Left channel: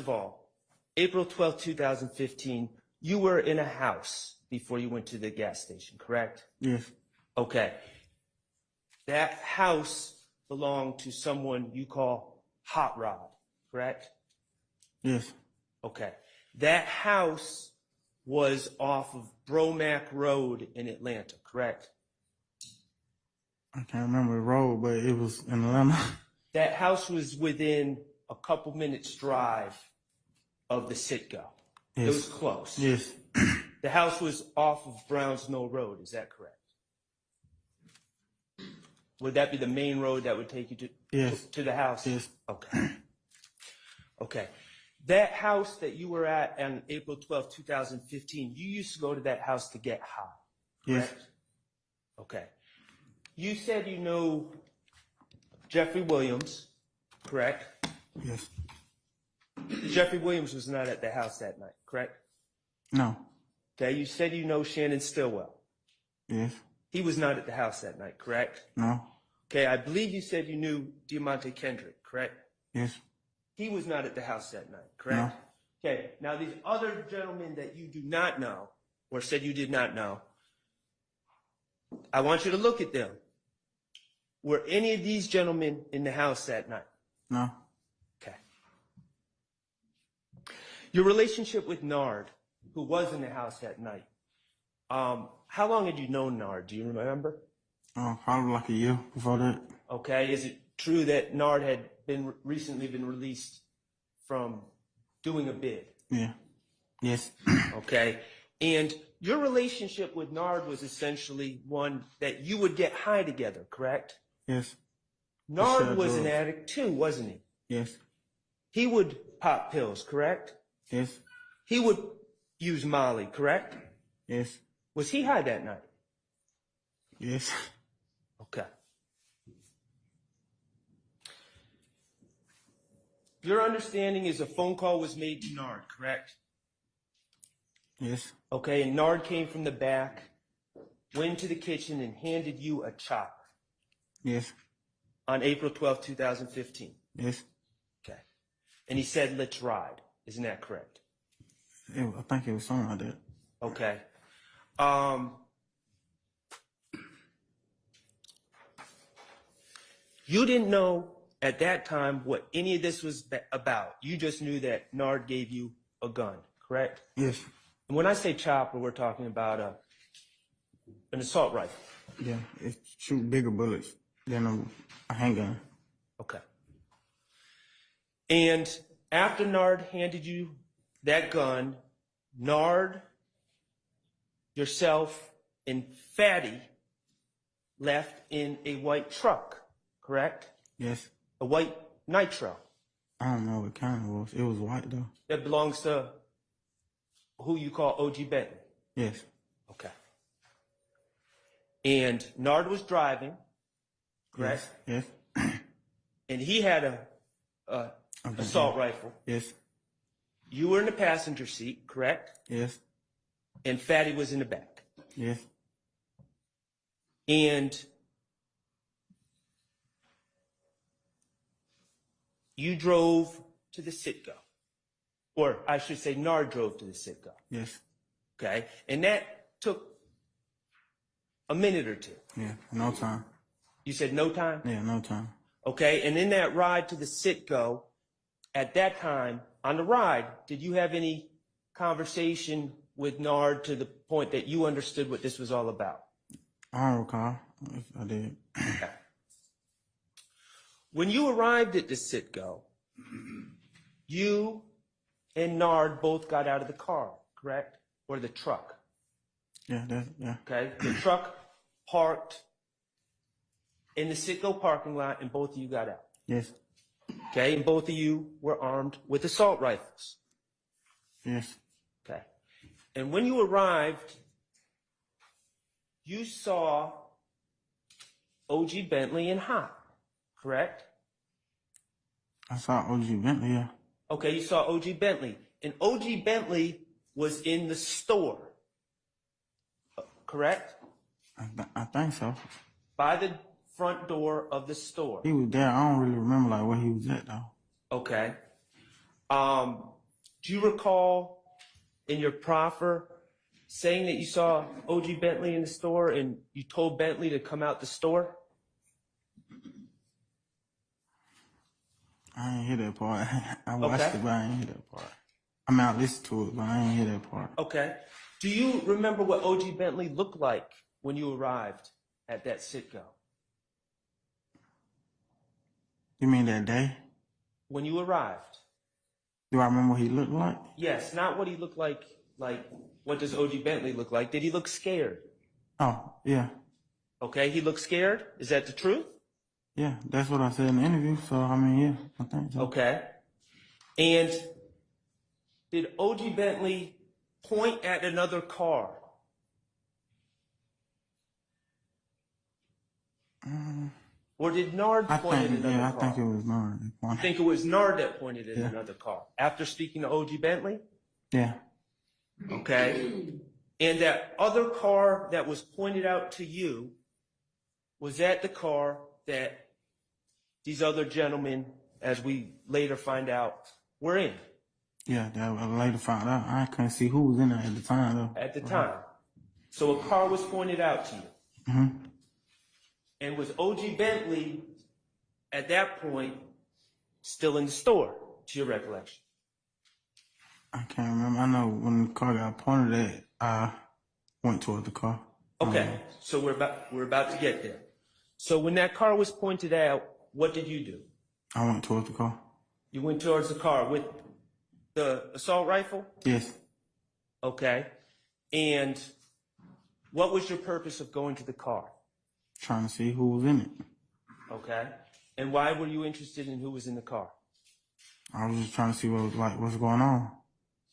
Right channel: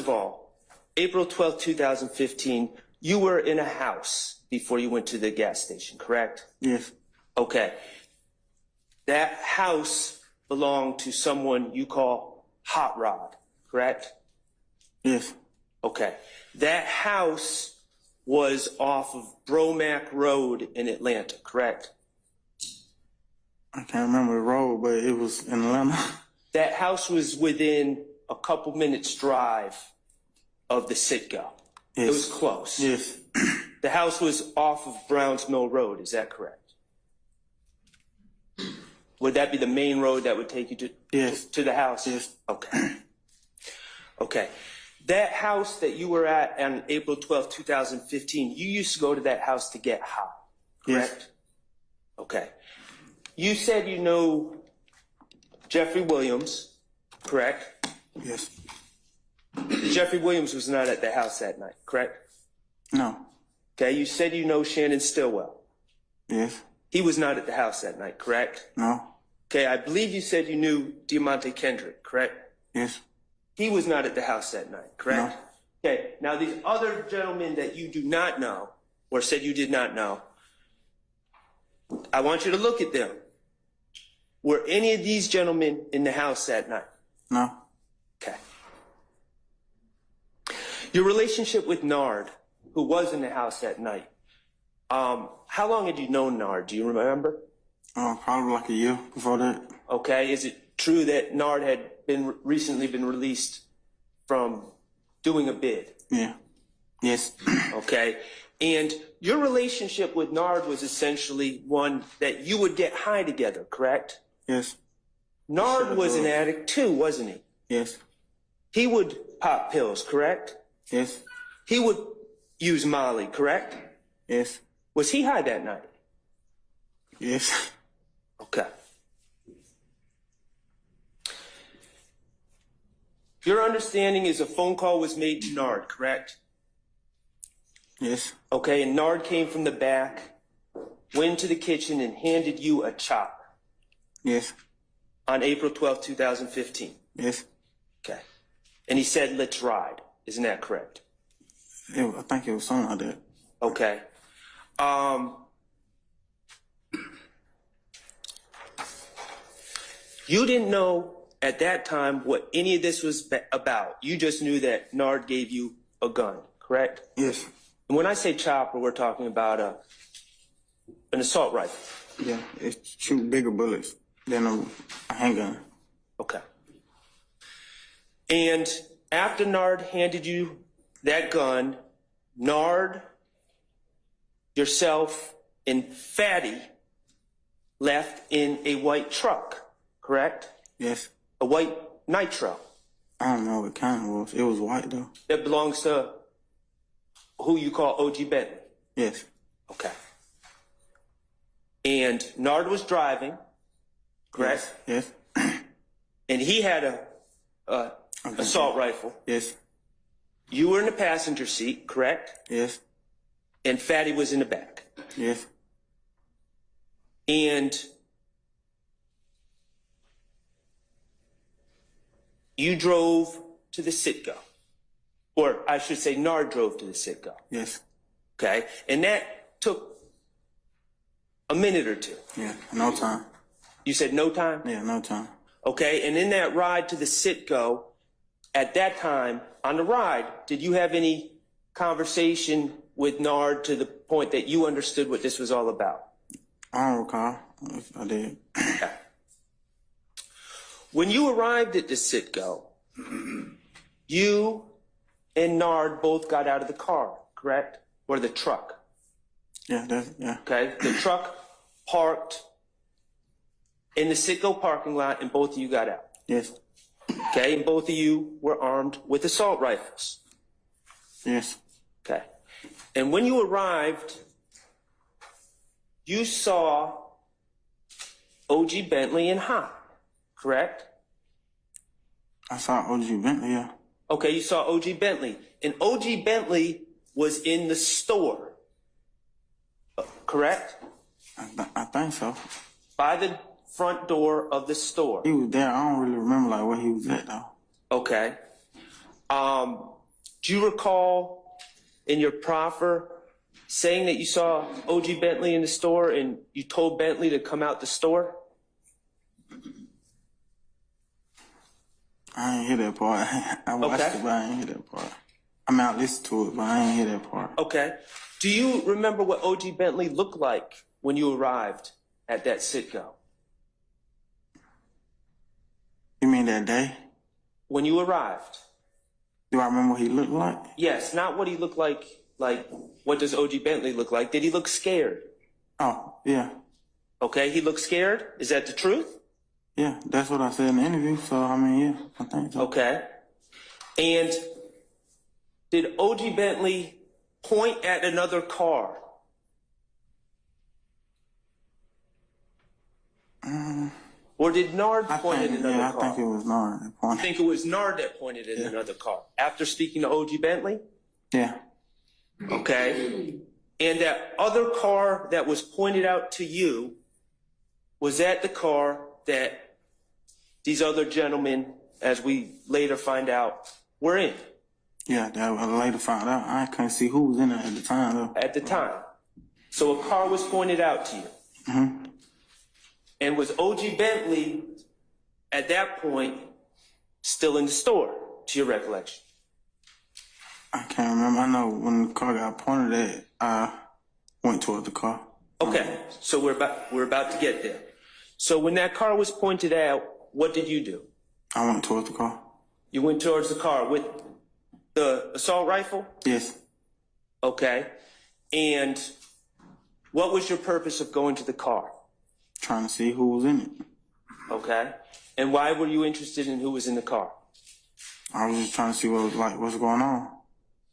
of all, April 12th, 2015, you were in a house before you went to the gas station, correct? Yes. Okay. That house belonged to someone you call Hot Rod, correct? Yes. Okay. That house was off of Bromack Road in Atlanta, correct? I can't remember the road, but it was in Atlanta. That house was within a couple minutes drive of the Citgo. Yes. It was close. Yes. The house was off of Browns Mill Road, is that correct? Would that be the main road that would take you to the house? Yes. Okay. Okay. That house that you were at on April 12th, 2015, you used to go to that house to get high, correct? Yes. Okay. You said you know Jeffrey Williams, correct? Yes. Jeffrey Williams was not at the house that night, correct? No. Okay. You said you know Shannon Stillwell. Yes. He was not at the house that night, correct? No. Okay. I believe you said you knew Diamante Kendrick, correct? Yes. He was not at the house that night, correct? No. Okay. Now, these other gentlemen that you do not know, or said you did not know, I want you to look at them. Were any of these gentlemen in the house that night? No. Okay. Your relationship with Nard, who was in the house that night, how long had you known Nard? Do you remember? Probably like a year before that. Okay. Is it true that Nard had recently been released from doing a bid? Yeah. Yes. Okay. And your relationship with Nard was essentially one that you would get high together, correct? Yes. Nard was an addict too, wasn't he? Yes. He would pop pills, correct? Yes. He would use Molly, correct? Yes. Was he high that night? Yes. Okay. Your understanding is a phone call was made to Nard, correct? Yes. Okay, and Nard came from the back, went to the kitchen, and handed you a chopper. Yes. On April 12th, 2015. Yes. Okay. And he said, let's ride. Isn't that correct? I think it was something like that. Okay. You didn't know at that time what any of this was about. You just knew that Nard gave you a gun, correct? Yes. And when I say chopper, we're talking about an assault rifle. Yeah, it shoot bigger bullets than a handgun. Okay. And after Nard handed you that gun, Nard, yourself, and Fatty left in a white truck, correct? Yes. A white Nitro. I don't know what kind it was. It was white though. That belongs to who you call OG Bentley. Yes. Okay. And Nard was driving, correct? Yes. And he had a assault rifle. Yes. You were in the passenger seat, correct? Yes. And Fatty was in the back. Yes. And you drove to the Citgo. Or I should say Nard drove to the Citgo. Yes. Okay? And that took a minute or two. Yeah, no time. You said no time? Yeah, no time. Okay, and in that ride to the Citgo, at that time, on the ride, did you have any conversation with Nard to the point that you understood what this was all about? I don't recall if I did. Okay. When you arrived at the Citgo, you and Nard both got out of the car, correct? Or the truck? Yeah, yeah. Okay, the truck parked in the Citgo parking lot and both of you got out. Yes. Okay, and both of you were armed with assault rifles. Yes. Okay. And when you arrived, you saw OG Bentley and Hot, correct? I saw OG Bentley, yeah. Okay, you saw OG Bentley. And OG Bentley was in the store, correct? I think so. By the front door of the store. He was there. I don't really remember like where he was at though. Okay. Do you recall in your proffer saying that you saw O.G. Bentley in the store and you told Bentley to come out the store? I ain't hear that part. I watched it, but I ain't hear that part. I mean, I listened to it, but I ain't hear that part. Okay. Do you remember what O.G. Bentley looked like when you arrived at that Citgo? You mean that day? When you arrived? Do I remember what he looked like? Yes, not what he looked like what does O.G. Bentley look like? Did he look scared? Oh, yeah. Okay, he looked scared? Is that the truth? Yeah, that's what I said in the interview, so I mean, yeah, I think so. Okay. And did O.G. Bentley point at another car? Or did Nard point at another car? Yeah, I think it was Nard that pointed. You think it was Nard that pointed at another car? After speaking to O.G. Bentley? Yeah. Okay. And that other car that was pointed out to you, was that the car that these other gentlemen, as we later find out, were in? Yeah, that I later found out. I couldn't see who was in it at the time, though. At the time. So a car was pointed out to you. Mm-hmm. And was O.G. Bentley, at that point, still in the store, to your recollection? I can't remember. I know when the car got pointed at, I went toward the car. Okay, so we're about to get there. So when that car was pointed out, what did you do? I went towards the car. You went towards the car with the assault rifle? Yes. Okay. And what was your purpose of going to the car? Trying to see who was in it. Okay. And why were you interested in who was in the car? I was just trying to see what's going on.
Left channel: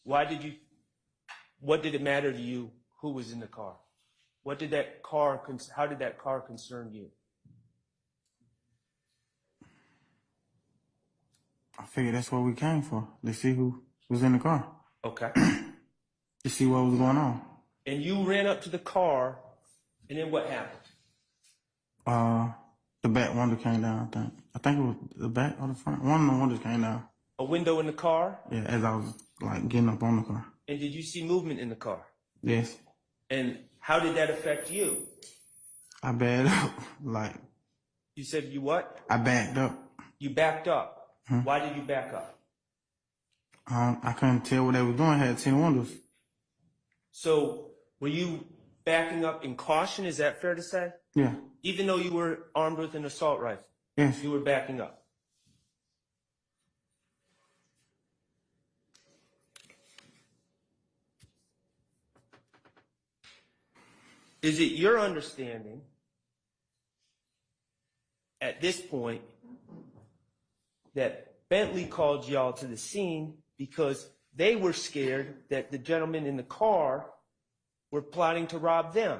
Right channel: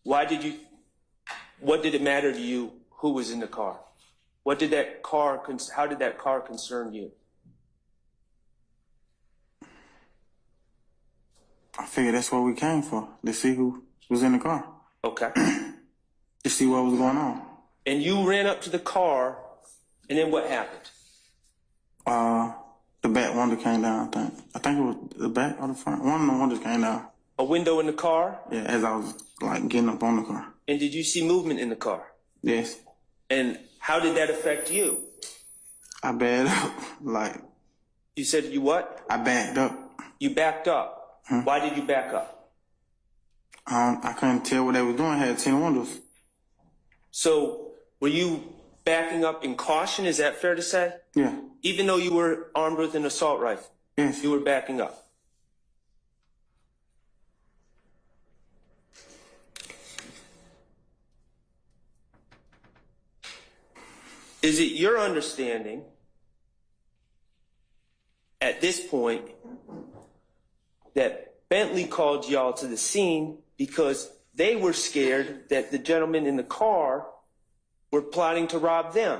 What did it matter to you who was in the car? How did that car concern you? I figured that's what we came for, to see who was in the car. Okay. To see what was going on. And you ran up to the car, and then what happened? The back window came down, I think. I think it was the back or the front. One of the windows came down. A window in the car? Yeah, as I was, getting up on the car. And did you see movement in the car? Yes. And how did that affect you? I backed up, You said you what? I backed up. You backed up. Why did you back up? I couldn't tell what they was doing. I had 10 windows. So, were you backing up in caution? Is that fair to say? Yeah. Even though you were armed with an assault rifle? Yes. You were backing up? Is it your understanding at this point that Bentley called y'all to the scene because they were scared that the gentlemen in the car were plotting to rob them?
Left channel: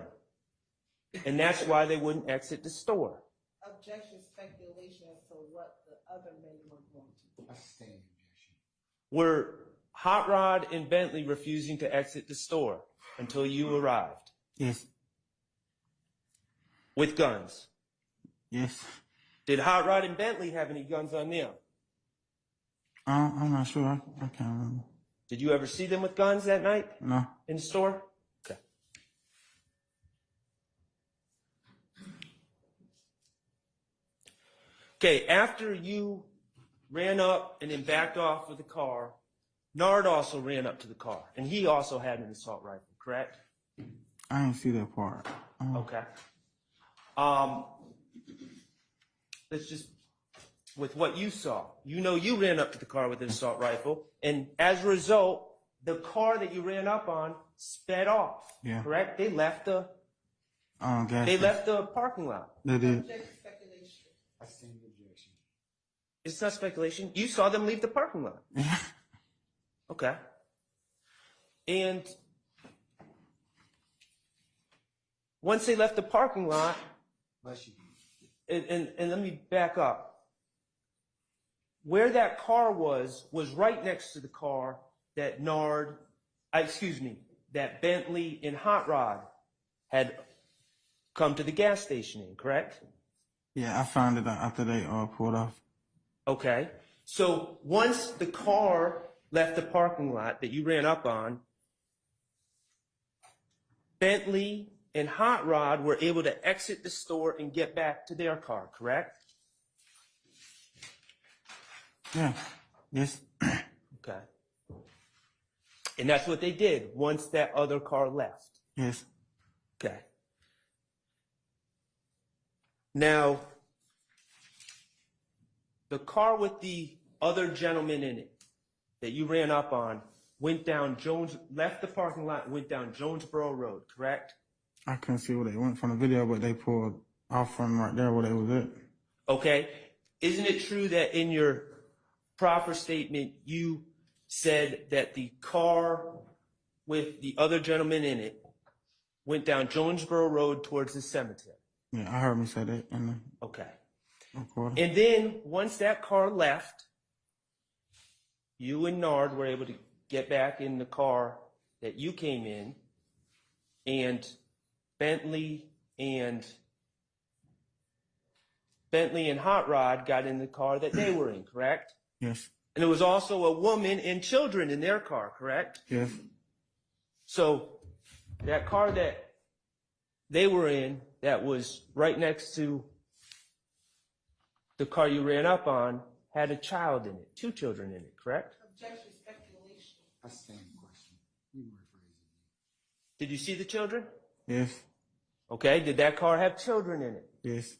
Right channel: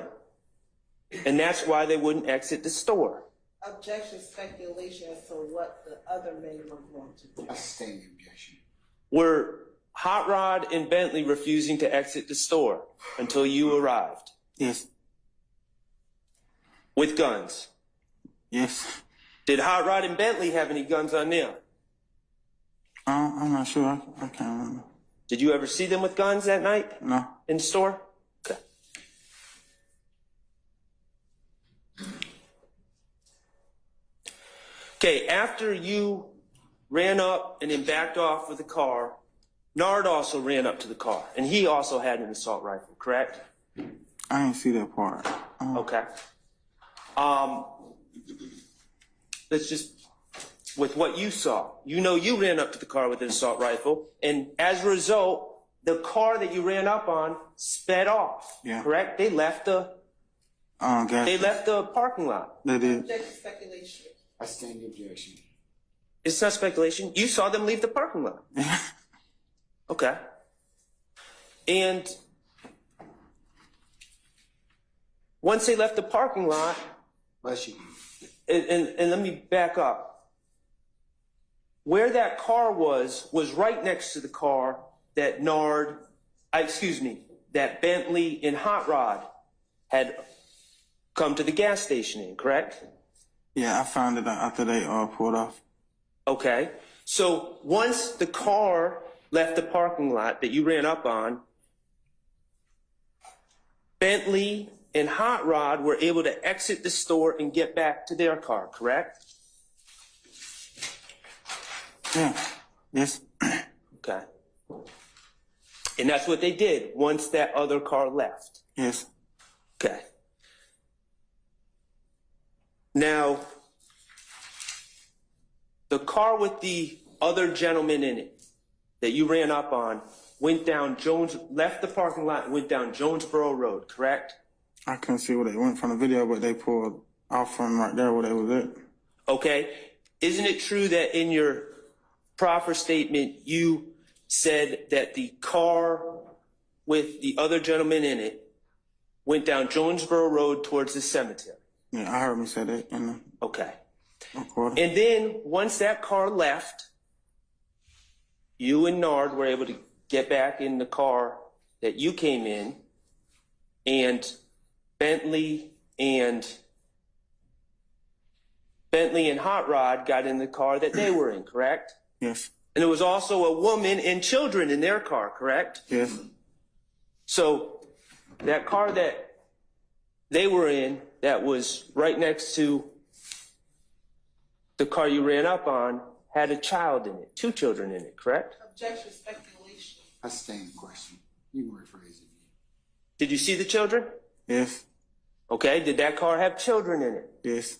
And that's why they wouldn't exit the store. Objection, speculation as to what the other men were going to do. I sustain the objection. Were Hot Rod and Bentley refusing to exit the store until you arrived? Yes. With guns? Yes. Did Hot Rod and Bentley have any guns on them? I'm not sure. I can't remember. Did you ever see them with guns that night? No. In the store? Okay. Okay, after you ran up and then backed off with the car, Nard also ran up to the car, and he also had an assault rifle, correct? I didn't see that part. Okay. Let's just, with what you saw, you ran up to the car with an assault rifle, and as a result, the car that you ran up on sped off, Yeah. correct? They left the parking lot. They did. Objection, speculation. I sustain the objection. It's not speculation. You saw them leave the parking lot. Okay. And once they left the parking lot, Bless you. and let me back up. Where that car was right next to the car that that Bentley and Hot Rod had come to the gas station in, correct? Yeah, I found it out after they pulled off. Okay. So once the car left the parking lot that you ran up on, Bentley and Hot Rod were able to exit the store and get back to their car, correct? Yeah. Yes. Okay. And that's what they did once that other car left. Yes. Okay. Now, the car with the other gentleman in it that you ran up on left the parking lot and went down Jonesboro Road, correct? I couldn't see where they went from the video, but they pulled off from right there where they was at. Okay. Isn't it true that in your proffer statement you said that the car with the other gentleman in it went down Jonesboro Road towards the cemetery? Yeah, I heard me say that in the Okay. recording. And then once that car left, you and Nard were able to get back in the car that you came in, and Bentley and Hot Rod got in the car that they were in, correct? Yes. And there was also a woman and children in their car, correct? Yes. So that car that they were in that was right next to the car you ran up on had a child in it, 2 children in it, correct? Objection, speculation. I stand question. You can rephrase it. Did you see the children? Yes. Okay, did that car have children in it? Yes.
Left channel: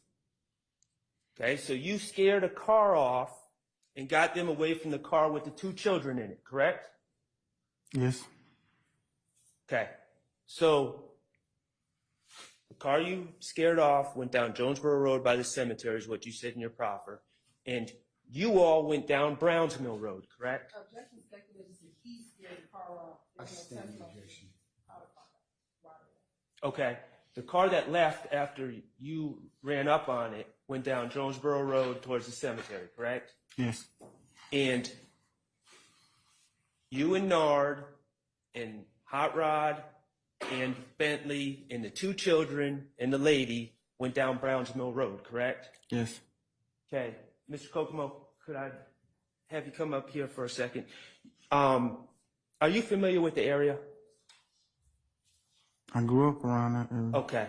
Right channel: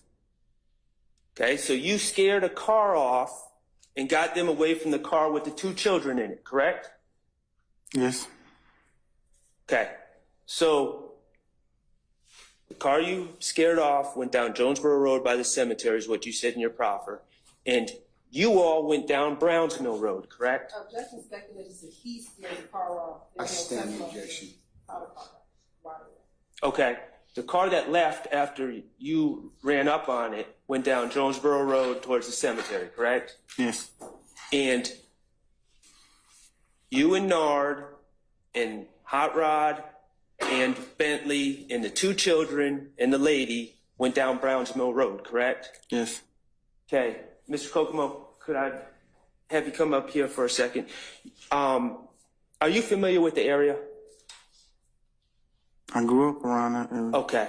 Okay, so you scared a car off and got them away from the car with the 2 children in it, correct? Yes. Okay, so the car you scared off went down Jonesboro Road by the cemetery is what you said in your proffer, and you all went down Browns Mill Road, correct? Objection, speculation. So he scared the car off. I There's no stand the testimony. objection. How the car got right away. Okay, the car that left after you ran up on it went down Jonesboro Road towards the cemetery, correct? Yes. And you and Nard and Hot Rod and Bentley and the 2 children and the lady went down Browns Mill Road, correct? Yes. Okay, Mr. Kokomo, could I have you come up here for a second? Are you familiar with the area? I grew up around that area. Okay.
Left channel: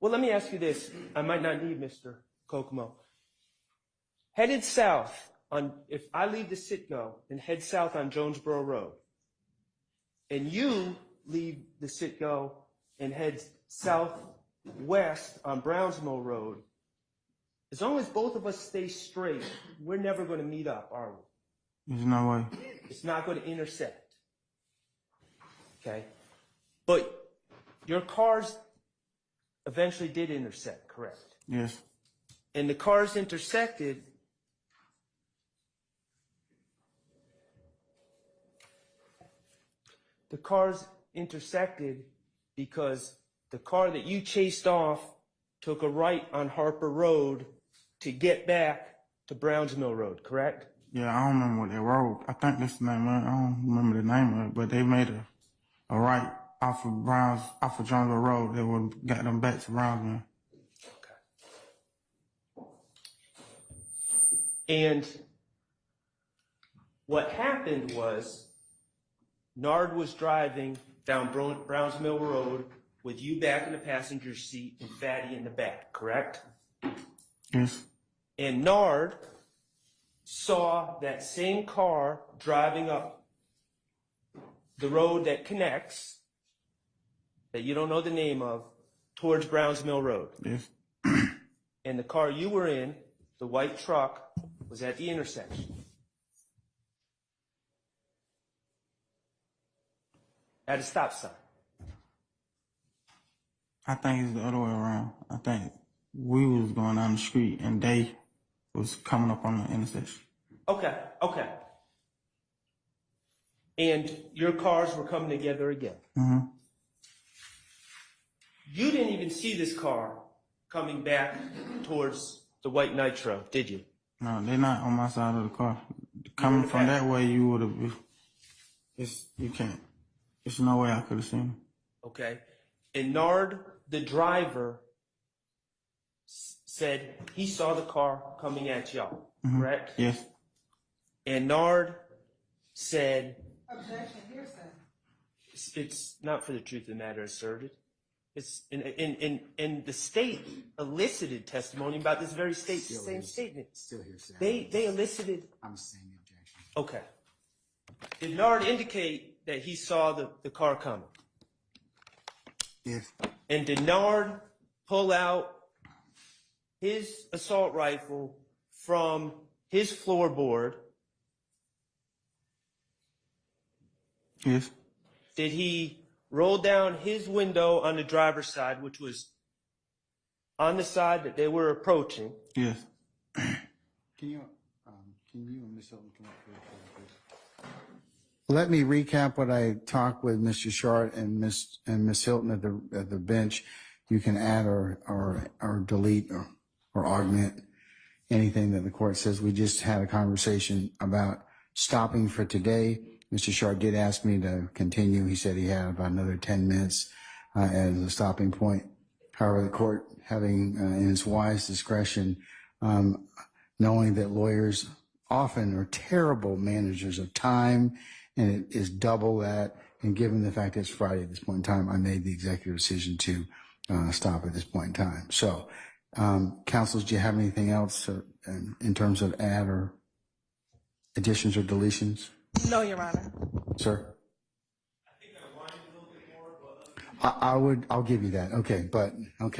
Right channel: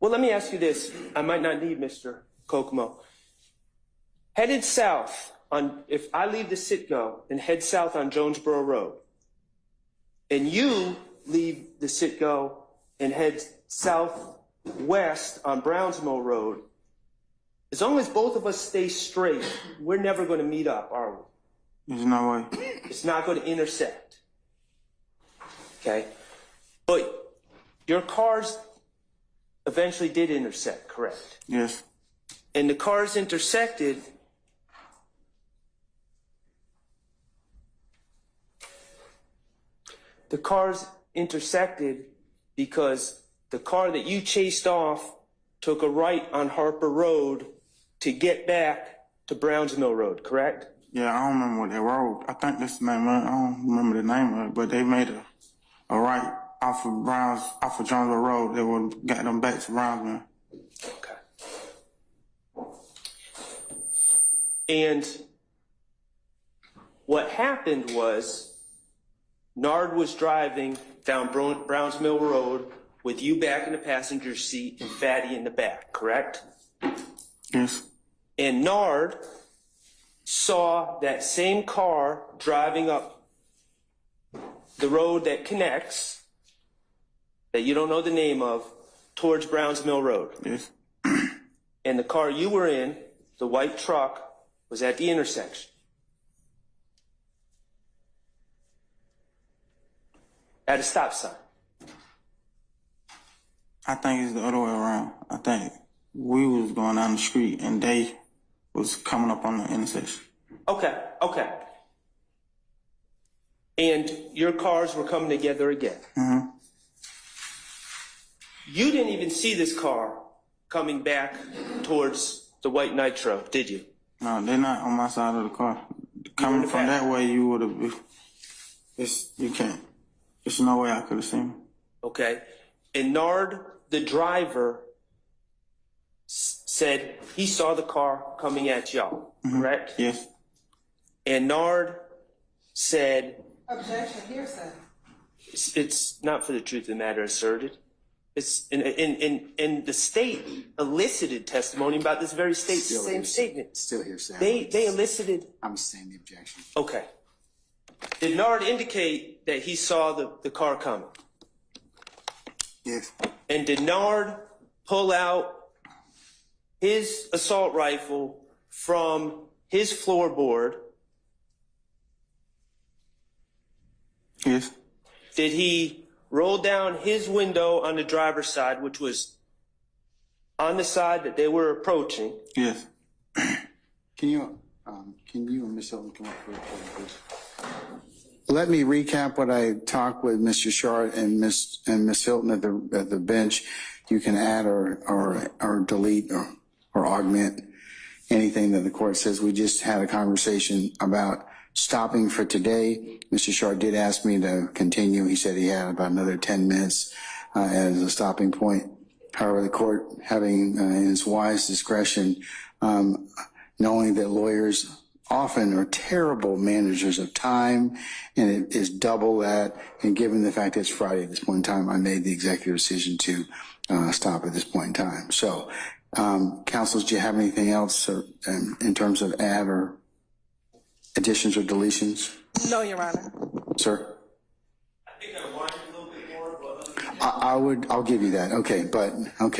Well, let me ask you this. I might not need Mr. Kokomo. Headed south if I leave the Citgo and head south on Jonesboro Road, and you leave the Citgo and head southwest on Browns Mill Road, as long as both of us stay straight, we're never going to meet up, are we? There's no way. It's not going to intersect. Okay? But your cars eventually did intersect, correct? Yes. And the cars intersected. The cars intersected because the car that you chased off took a right on Harper Road to get back to Browns Mill Road, correct? Yeah, I don't remember what that road. I think that's the name of it. I don't remember the name of it, but they made a right off of Jonesboro Road that would get them back to Brownsville. Okay. And what happened was Nard was driving down Browns Mill Road with you back in the passenger seat and Fatty in the back, correct? Yes. And Nard saw that same car driving up the road that connects, that you don't know the name of, towards Browns Mill Road. Yes. And the car you were in, the white truck, was at the intersection. At a stop sign. I think it's the other way around. I think we was going down the street and they was coming up on the intersection. Okay. And your cars were coming together again. Mm-hmm. You didn't even see this car coming back towards the white Nitro, did you? No, they're not on my side of the car. Coming from that way, you would have. You can't. There's no way I could have seen him. Okay. And Nard, the driver, said he saw the car coming at y'all, correct? Yes. And Nard said, Objection, hearsay. it's not for the truth of the matter asserted. It's and the state elicited testimony about this very same statement. Still hearsay. They elicited. I'm saying the objection. Okay. Did Nard indicate that he saw the car coming? Yes. And did Nard pull out his assault rifle from his floorboard? Yes. Did he roll down his window on the driver's side, which was on the side that they were approaching? Yes. Can you and Ms. Hilton come up for a recording, please? Let me recap what I talked with Mr. Schardt and Ms. Hilton at the bench. You can add or delete or augment anything that the court says. We just had a conversation about stopping for today. Mr. Schardt did ask me to continue. He said he had about another 10 minutes as a stopping point. However, the court, having in its wise discretion, knowing that lawyers often are terrible managers of time, and it is double that, and given the fact that it's Friday at this point in time, I made the executive decision to stop at this point in time. So, counsels, do you have anything else in terms of add or additions or deletions? No, Your Honor. Sir? I think I wanted a little bit more, but I'll give you that. Okay,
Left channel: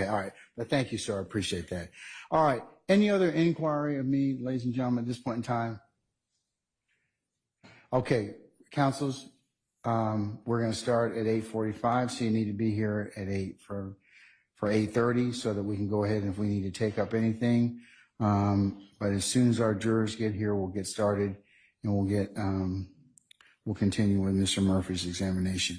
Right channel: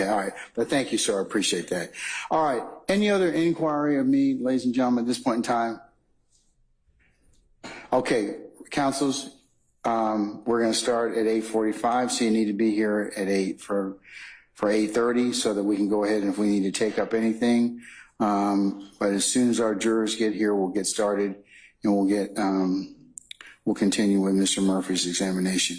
all right. But thank you, sir. I appreciate that. All right. Any other inquiry of me, ladies and gentlemen, at this point in time? Okay, counsels, we're going to start at 8:45, so you need to be here at 8 for 8:30 so that we can go ahead and if we need to take up anything. But as soon as our jurors get here, we'll get started and we'll continue with Mr. Murphy's examination.